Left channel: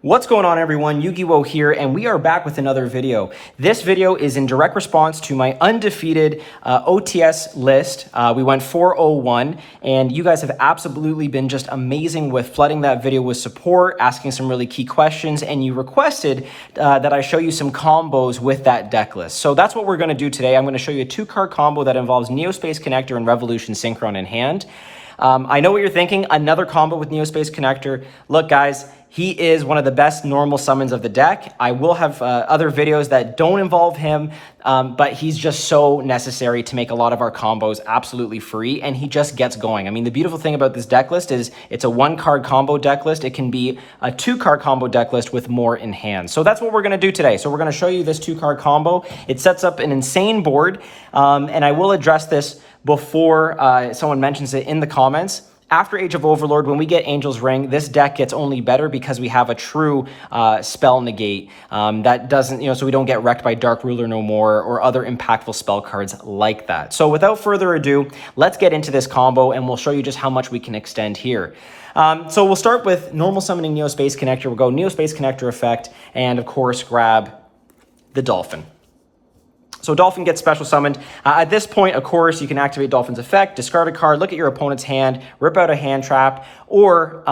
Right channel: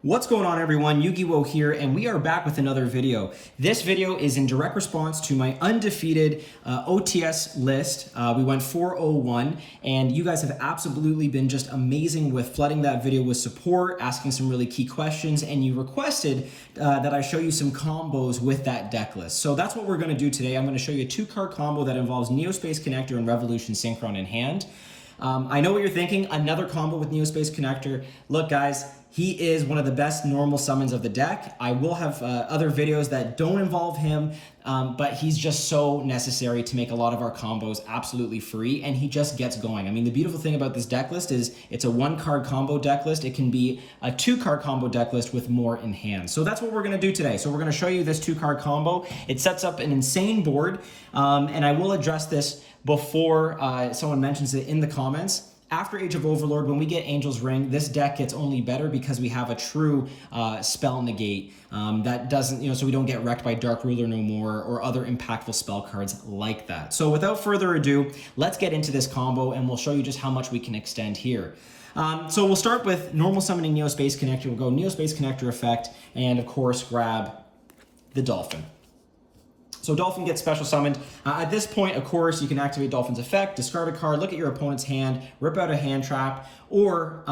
What's going on, everyone? Yu-Gi-Oh here, and we are back with another video. This video is in direct response to my undefeated OTS list. We went 401, and you guys have absolutely been just amazing with flooding that video with support, asking some really key questions, and you requested that I show you some combos with that deck list. So that's what we're going to do today. I'm going to show you a 2-card combo that involves Neospace Connector and Revolution Synchron in hand. I know what you're thinking, another combo with Neospace Connector. Look, guys, he is one of the best normal summons of the deck. I will have other videos that don't involve him, but he's just so necessary to make a lot of our combos absolutely free, and he just gets going. I mean, the beautiful thing about this deck list is it's a 1-card combo deck list. It can be a 2-card combo deck list with more in hand. So that's what we're gonna do today. So we're gonna show you this 2-card combo. It sets up an insane board, and I will address this before someone mentions it in the comments. After Age of Overlord, when we get Angel's Ring, this deck gets only better because we have a true spell negate that doesn't, so we don't get wrecked by Dark Ruler no more or other impactful spell cards like that. So without further ado, let's get into this combo and we'll show you just how much we can extend here. So we'll start with normal summoning Neospace Connector. We'll go Neospace Connector effect and of course grab the Dolphin. So Dolphin gets special summoned. At this point, of course, you can activate Dolphin's effect, discard a card, look at your opponent's hand, rip out a hand trap, or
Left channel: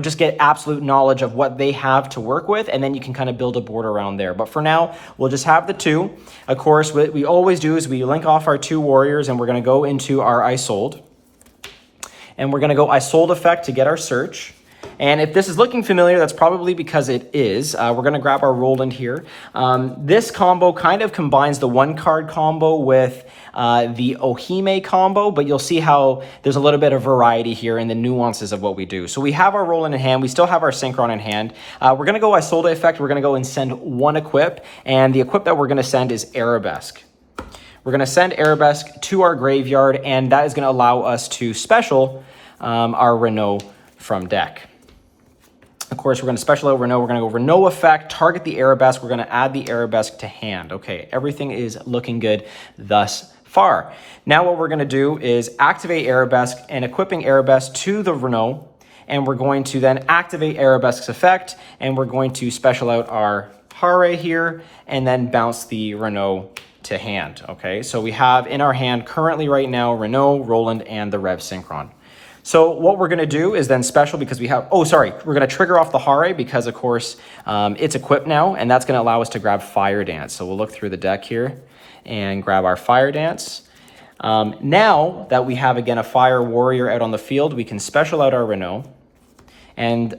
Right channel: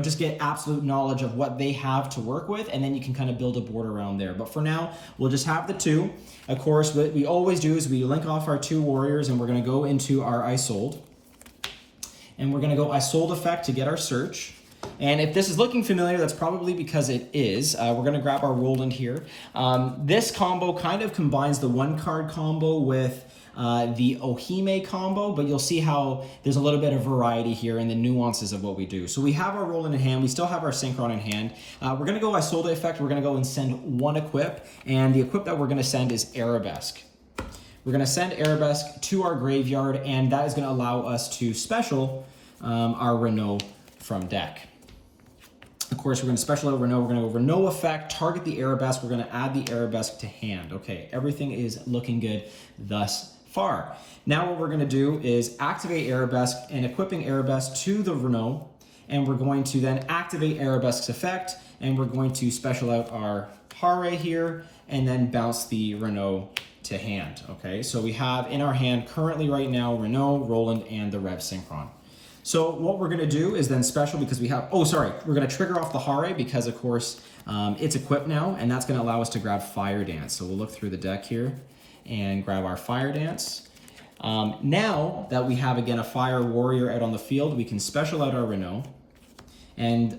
just get absolute knowledge of what they have to work with, and then you can kind of build a board around there. But for now, we'll just have the 2. Of course, what we always do is we link off our 2 warriors, and we're going to go into our Isold. And we're going to go Isold effect to get our search. And if this is looking familiar, that's probably because it is. We're going to grab our Roland here. This combo kind of combines the 1-card combo with the Ohime combo, but you'll see how there's a little bit of variety here in the nuances of what we do. So we have our Roland in hand. We still have our Synchron in hand. We're going to go Isolde effect. We're going to go and send 1 equip, and the equip that we're going to send is Arabesque. We're going to send Arabesque to our graveyard, and that is going to allow us to special our Renault from deck. Of course, we're going to special out Renault. We're going to go Renault effect, target the Arabesque. We're going to add the Arabesque to hand. Okay, everything is looking good thus far. Now what we're going to do is activate Arabesque and equipping Arabesque to the Renault. And we're going to then activate Arabesque's effect. And we're going to special out our Hare here and then bounce the Renault to hand. Okay, so we have in our hand currently right now Renault, Roland, and the Rev Synchron. So what we're going to do is then special because we have, we're going to trigger off the Hare because, of course, it's equipped now, and that's going to allow us to grab Fire Dance. So we'll look through the deck here and grab our Fire Dance. Now that we have, again, a Fire Warrior out on the field, we can special out our Renault, and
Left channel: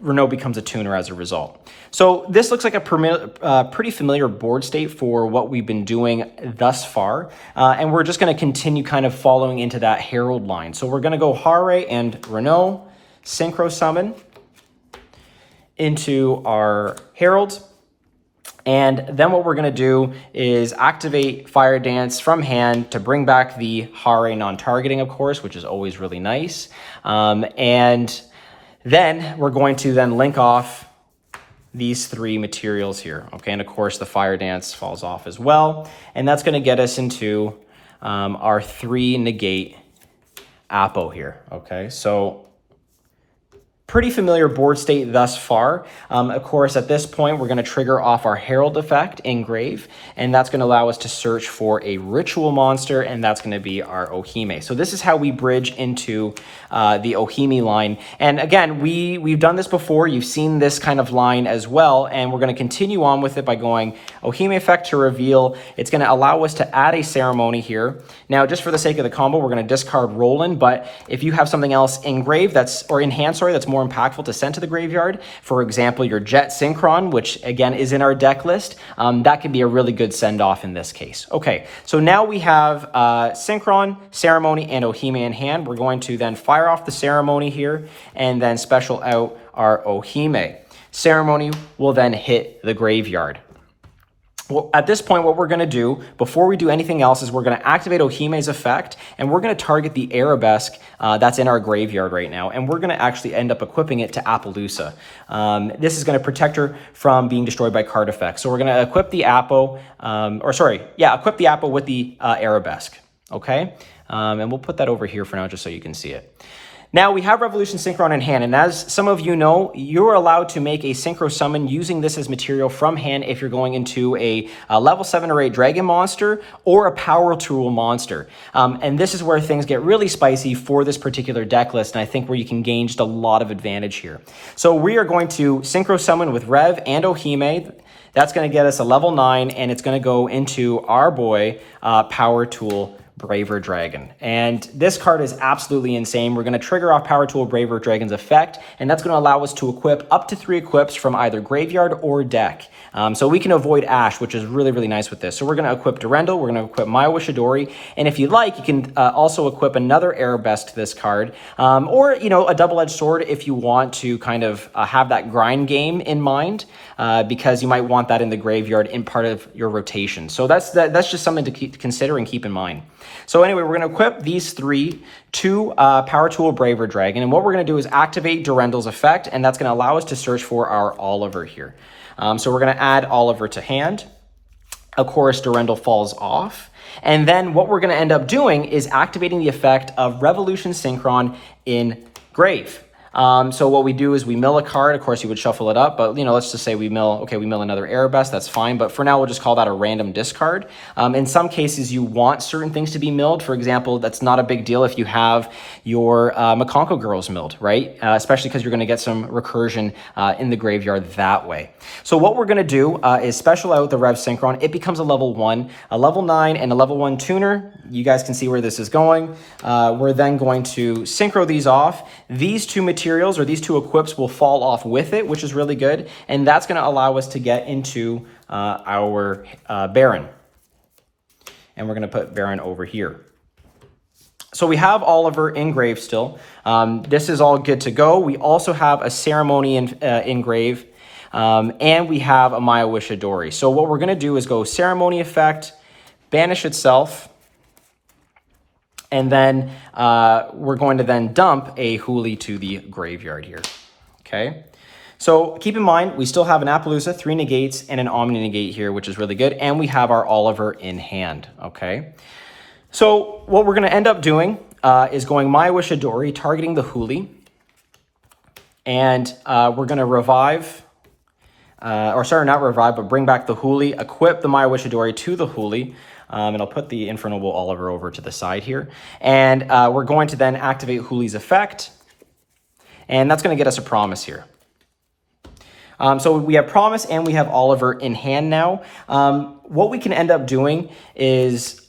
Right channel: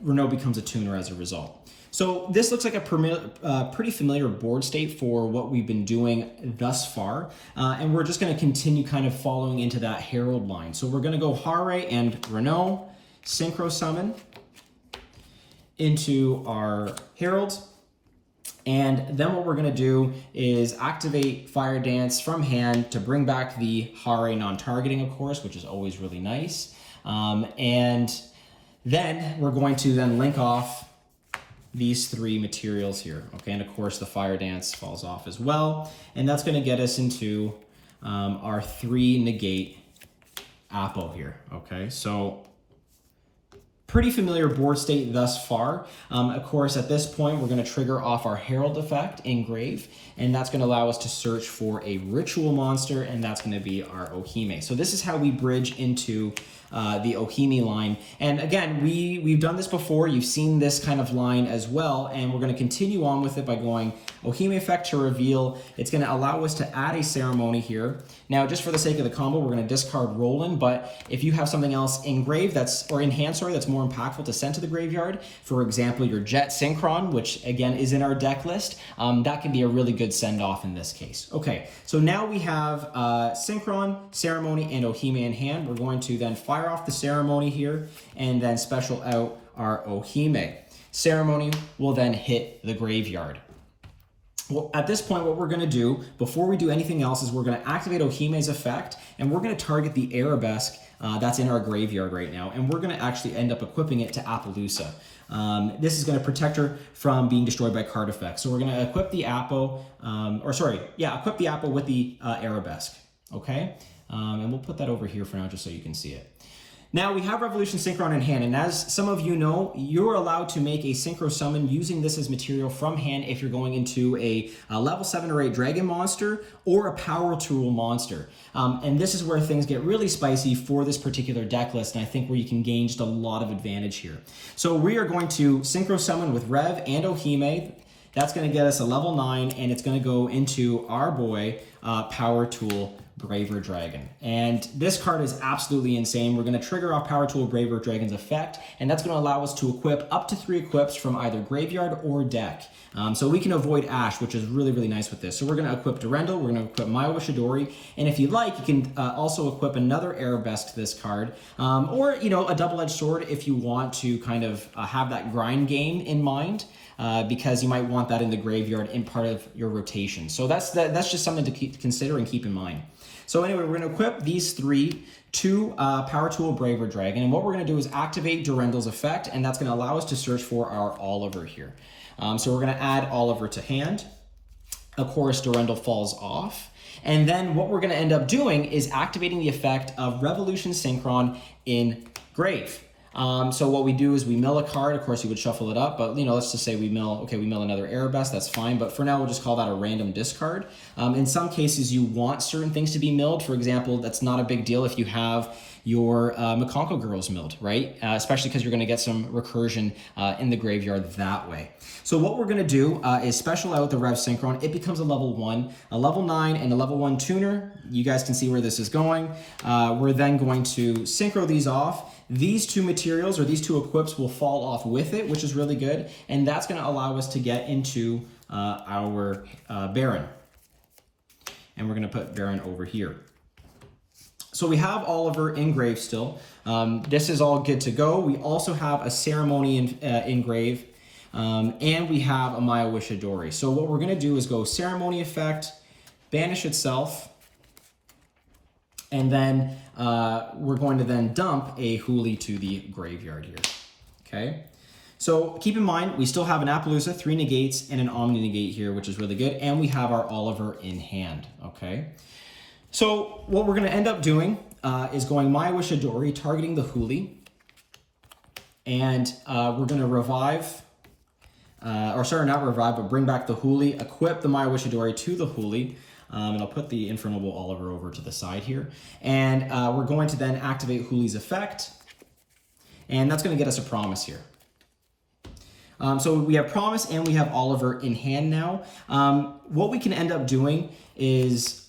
Renault becomes a tuner as a result. So this looks like a pretty familiar board state for what we've been doing thus far. And we're just going to continue kind of following into that Herald line. So we're going to go Hare and Renault, Synchro Summon into our Herald. And then what we're going to do is activate Fire Dance from hand to bring back the Hare non-targeting, of course, which is always really nice. And then we're going to then link off these 3 materials here, okay? And of course, the Fire Dance falls off as well. And that's gonna get us into our 3 negate Apo here, okay? So pretty familiar board state thus far. Of course, at this point, we're gonna trigger off our Herald effect, Engrave, and that's gonna allow us to search for a ritual monster, and that's gonna be our Ohime. So this is how we bridge into the Ohime line. And again, we've done this before. You've seen this kind of line as well, and we're gonna continue on with it by going Ohime effect to reveal. It's gonna allow us to add a ceremony here. Now, just for the sake of the combo, we're gonna discard Roland, but if you have something else engraved that's more impactful to send to the graveyard, for example, your Jet Synchron, which again is in our deck list, that can be a really good send-off in this case. Okay, so now we have Synchron, Ceremony, and Ohime in hand. We're going to then fire off the Ceremony here and then special out our Ohime. Ceremony will then hit the graveyard. Well, at this point, what we're going to do, before we do anything else, is we're going to activate Ohime's effect, and we're going to target the Arabesque that's in our graveyard right now, and we're going to actually end up equipping it to Appaloosa. This is going to protect her from being destroyed by card effects. So we're going to equip the Apo, equip the Apo with the Arabesque, okay? And we'll put that over here for now just so you can see it. Now we have Revolution Synchron in hand, and as some of you know, you're allowed to make a Synchro Summon using this as material from hand if you're going into a level 7 or 8 Dragon monster or a Power Tool monster. And this is where things get really spicy for this particular deck list, and I think where you can gain just a lot of advantage here. So we are going to Synchro Summon with Rev and Ohime. That's going to get us a level 9, and it's going to go into our boy, Power Tool Braver Dragon. And this card is absolutely insane. We're going to trigger off Power Tool Braver Dragon's effect, and that's going to allow us to equip up to 3 equips from either graveyard or deck. So we can avoid Ash, which is really, really nice with this. So we're going to equip Durendal, we're going to equip Maiwa Shidori, and if you like, you can also equip another Arabesque to this card, or, you know, a double-edged sword if you want to kind of have that grind game in mind. Because you might want that in the graveyard in part of your rotation. So that's just something to consider and keep in mind. So anyway, we're going to equip these 3 to Power Tool Braver Dragon, and what we're going to do is activate Durendal's effect, and that's going to allow us to search for our Oliver here. So we're going to add Oliver to hand. Of course, Durendal falls off. And then what we're going to end up doing is activating the effect of Revolution Synchron in Grave. So what we do is we mill a card. Of course, you would shuffle it up, but, you know, let's just say we mill another Arabesque. That's fine. But for now, we'll just call that a random discard. In some cases, you want certain things to be milled. For example, that's not a big deal if you have your Mikankguu girls milled, right? Especially because you're going to get some recursion in the graveyard that way. So what we're going to do is special out the Rev Synchron. It becomes a level 1, a level 9, and a level 1 tuner. You guys can see where this is going. We're then going to synchro these off. These 2 materials or these 2 equips will fall off with it, which is really good. And that's going to allow us to get into our Baron. And we're going to put Baron over here. So we have Oliver in Grave still. This is all good to go. We also have a Ceremony in Grave. And we have a Maiwa Shidori. So what we're going to do is go Ceremony effect, banish itself. And then we're going to then dump a Huli to the graveyard here, okay? So keep in mind, we still have an Appaloosa, 3 negates, and an Omni negate here, which is really good. And we have our Oliver in hand, okay? So what we're gonna end up doing is going Maiwa Shidori, targeting the Huli. And we're gonna revive, or sorry, not revive, but bring back the Huli, equip the Maiwa Shidori to the Huli. And I'll put the Infernal Oliver over to the side here. And we're going to then activate Huli's effect. And that's going to get us a Promise here. So we have Promise and we have Oliver in hand now. What we can end up doing is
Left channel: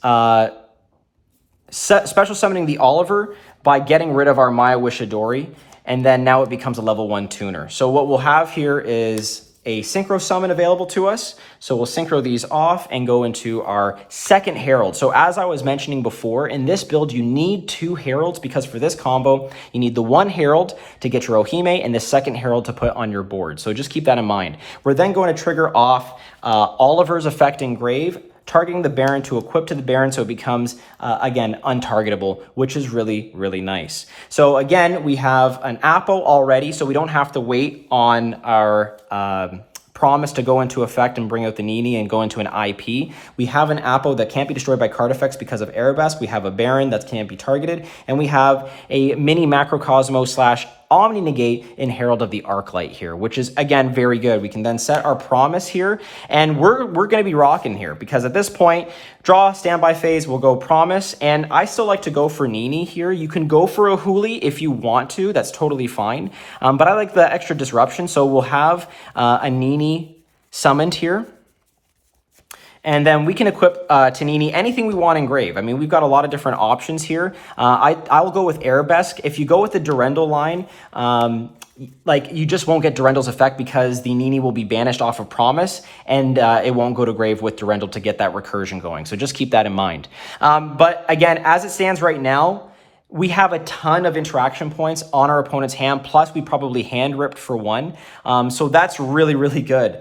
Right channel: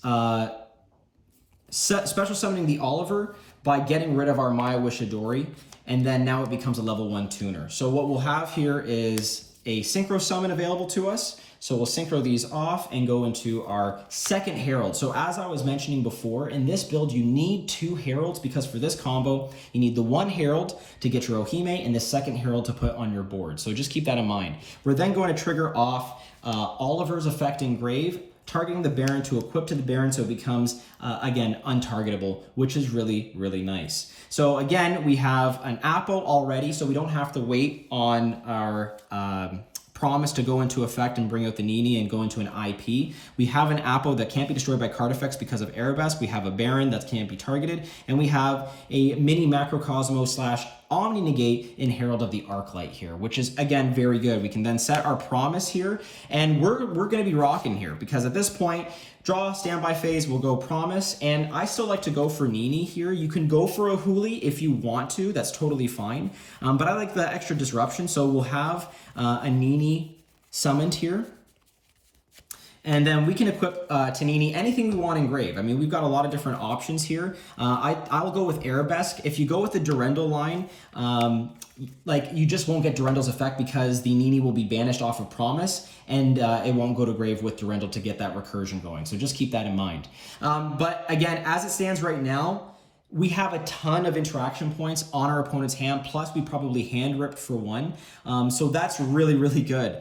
special summoning the Oliver by getting rid of our Maiwa Shidori. And then now it becomes a level 1 tuner. So what we'll have here is a Synchro Summon available to us. So we'll synchro these off and go into our second Herald. So as I was mentioning before, in this build, you need 2 Heralds because for this combo, you need the 1 Herald to get your Ohime and the second Herald to put on your board. So just keep that in mind. We're then going to trigger off Oliver's effect in Grave, targeting the Baron to equip to the Baron so it becomes, again, untargetable, which is really, really nice. So again, we have an Appo already, so we don't have to wait on our Promise to go into effect and bring out the Nini and go into an IP. We have an Appo that can't be destroyed by card effects because of Arabesque. We have a Baron that can't be targeted. And we have a mini Macrocosmo / Omni negate in Herald of the Arclight here, which is, again, very good. We can then set our Promise here, and we're going to be rocking here because at this point, draw, standby phase, we'll go Promise, and I still like to go for Nini here. You can go for a Huli if you want to. That's totally fine, but I like the extra disruption, so we'll have a Nini summoned here. And then we can equip to Nini anything we want in Grave. I mean, we've got a lot of different options here. I will go with Arabesque. If you go with the Durendal line, like you just won't get Durendal's effect because the Nini will be banished off of Promise and it won't go to Grave with Durendal to get that recursion going. So just keep that in mind. But again, as it stands right now, we have a ton of interaction points on our opponent's hand, plus we probably hand ripped for 1. So that's really, really good.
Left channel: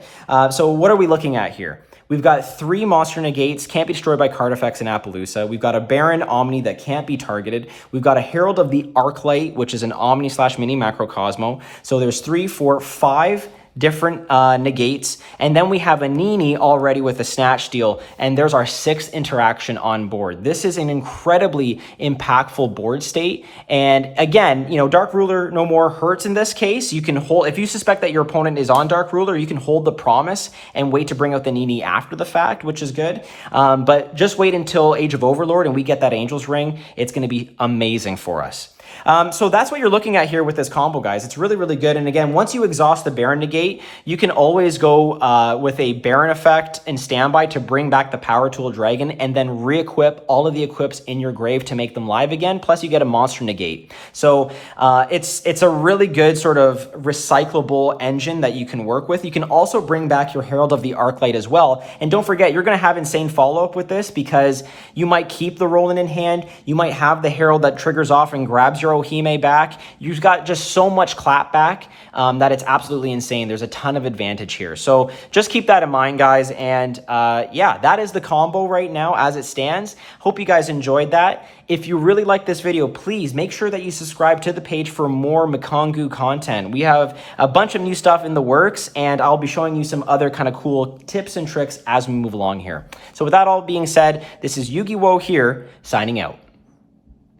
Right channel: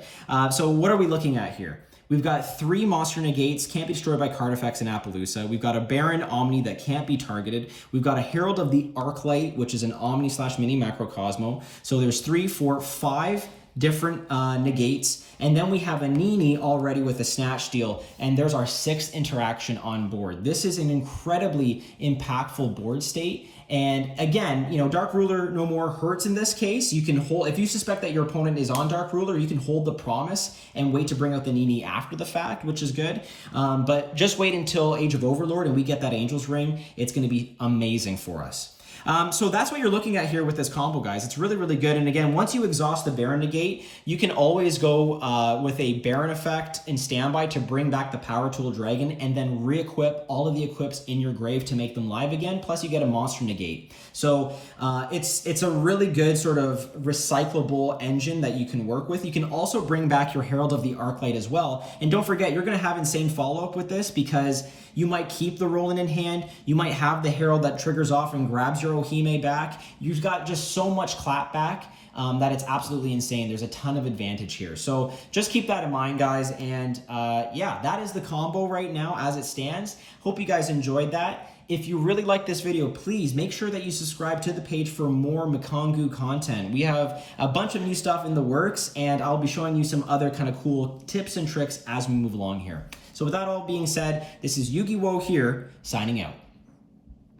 So what are we looking at here? We've got 3 monster negates, can't be destroyed by card effects in Appaloosa. We've got a Baron Omni that can't be targeted. We've got a Herald of the Arclight, which is an Omni / mini Macrocosmo. So there's 3, 4, 5 different negates. And then we have a Nini already with a Snatch Steal, and there's our 6th interaction on board. This is an incredibly impactful board state. And again, you know, Dark Ruler no more hurts in this case. You can hold, if you suspect that your opponent is on Dark Ruler, you can hold the Promise and wait to bring out the Nini after the fact, which is good. But just wait until Age of Overlord and we get that Angel's Ring. It's going to be amazing for us. So that's what you're looking at here with this combo, guys. It's really, really good. And again, once you exhaust the Baron negate, you can always go with a Baron effect in standby to bring back the Power Tool Dragon and then re-equip all of the equips in your grave to make them live again. Plus you get a monster negate. So it's a really good sort of recyclable engine that you can work with. You can also bring back your Herald of the Arclight as well. And don't forget, you're going to have insane follow-up with this because you might keep the Roland in hand. You might have the Herald that triggers off and grabs your Ohime back. You've got just so much clap back that it's absolutely insane. There's a ton of advantage here. So just keep that in mind, guys. And yeah, that is the combo right now as it stands. Hope you guys enjoyed that. If you really like this video, please make sure that you subscribe to the page for more Mikankguu content. We have a bunch of new stuff in the works, and I'll be showing you some other kind of cool tips and tricks as we move along here. So with that all being said, this is Yu-Gi-Oh! Here, signing out.